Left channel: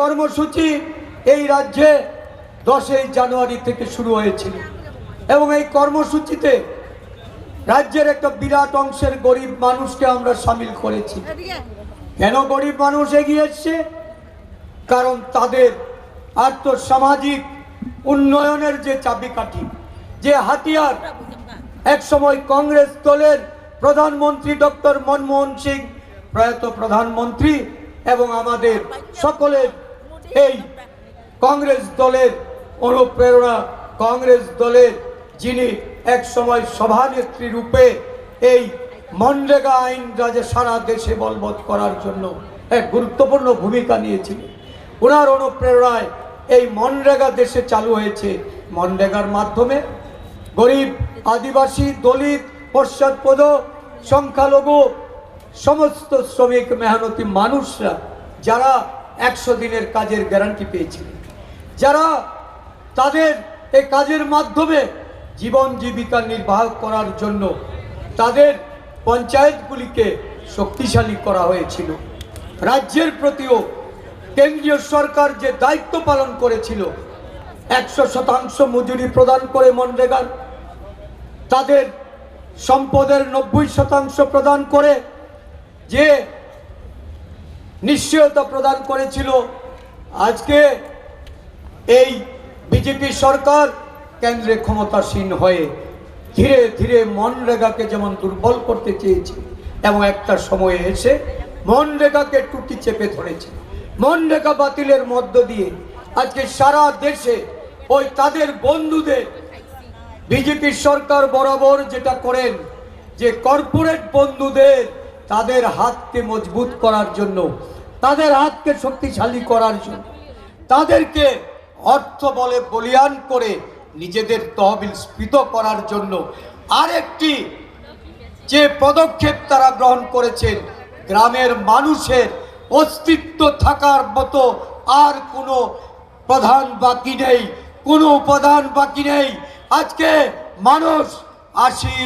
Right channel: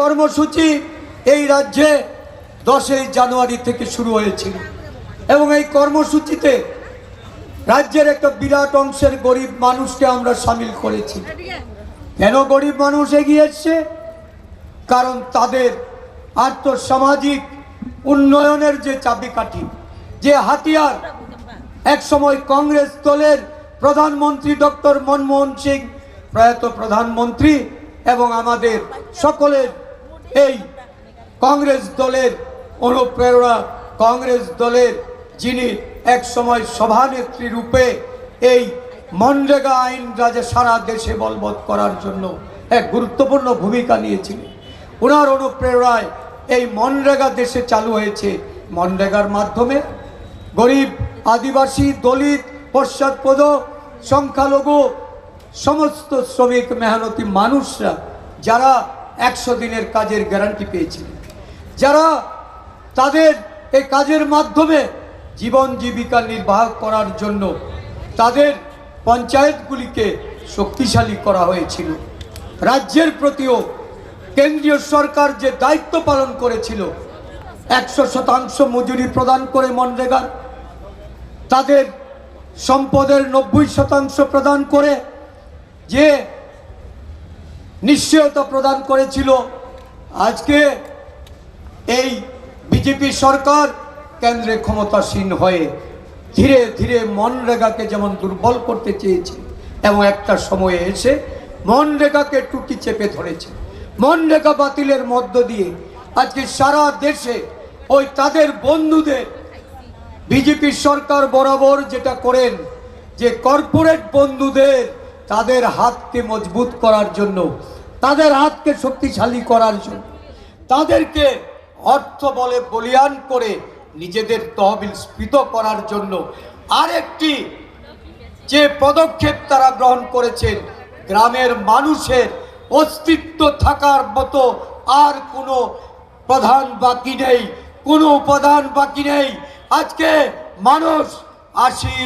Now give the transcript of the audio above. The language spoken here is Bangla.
কর্মসূচি এই রাজ্যে 10ই জানুয়ারি থেকে শুরু হয়েছিল এবং এই কর্মসূচিতে রাজ্যের একটা বিরাট অংশের গরিব মানুষকে আমরা সামিল করেছি। কেন গরিব মানুষ এগিয়ে এসছে? কারণ তাদের আর্থসামাজিক উন্নয়নের যে চাবিকাঠি, যে হাতিয়ার, একসময় কংগ্রেস দলের প্রধানমন্ত্রী ডক্টর মনমোহন সিং, প্রয়াত প্রধানমন্ত্রী, এবং আমাদের সকলের এই কংগ্রেস দলের অনুপ্রেরণা, কংগ্রেস দলের যিনি একসময় সভানেত্রী রূপে এই মনরেগা আইন সারা দেশে বলবৎ করার জন্য এক গুরুত্বপূর্ণ ভূমিকা নিয়েছিলেন। ওনার অনুপ্রেরণায় এই মনরেগা দেশে চালু হয়েছে। মনরেগার মাধ্যমে গরিব, আদিবাসী, দলিত, পশ্চাৎপদ, সংখ্যালঘু সমস্ত শ্রমিক মেহনতি মানুষরা যারা 100 দিনের কাজের গ্যারান্টি পেয়েছিলেন, যারা তাদের এই কাজের মাধ্যমে জীবন জীবিকা নির্বাহ করার জন্য তাদের পঞ্চায়েতগুলিকে শক্তিশালী করা হয়েছিল। রাজ্যের প্রতিও কেন্দ্রীয় সরকার যে দায়িত্ব পালন করেছিল, 100% মজুরি প্রদান করে মনরেগা, তাদের সম্পদের 90% প্রদান করে যে নিশ্চয়তা প্রদান করেছিল, আজকে এই বিজেপি সরকার কেন্দ্রে ক্ষমতাসীন হয়ে ধীরে ধীরে মনরেগাকে যেমন দুর্বল করতে চেয়েছে এবং একটা সময়ে এসে মনরেগাকে টুটি চেপে ধরেছে। মনরেগা বাতিলের মধ্য দিয়ে আজকে সারা দেশে ওই তাদের বন্ধুদের বিজেপি সরকার বরাবর যেটা করেন, যে কর্পোরেট বন্ধুদের তাদের হাতকে মজবুত করার জন্য, তাদের হাতকে শক্তিশালী করার জন্য, তাদেরকে অর্থ বলে বলিয়ান করে নিজেদের তহবিল স্ফীত করার জন্য আরেকটি যে পদক্ষেপ তারা গ্রহণ করেছেন, গ্রামের মানুষের অস্তিত্ব থাকার মতো আর কোনো প্রধান বাকি নেই, কোনো উপাদান বাকি নেই। আজকে মানুষ 80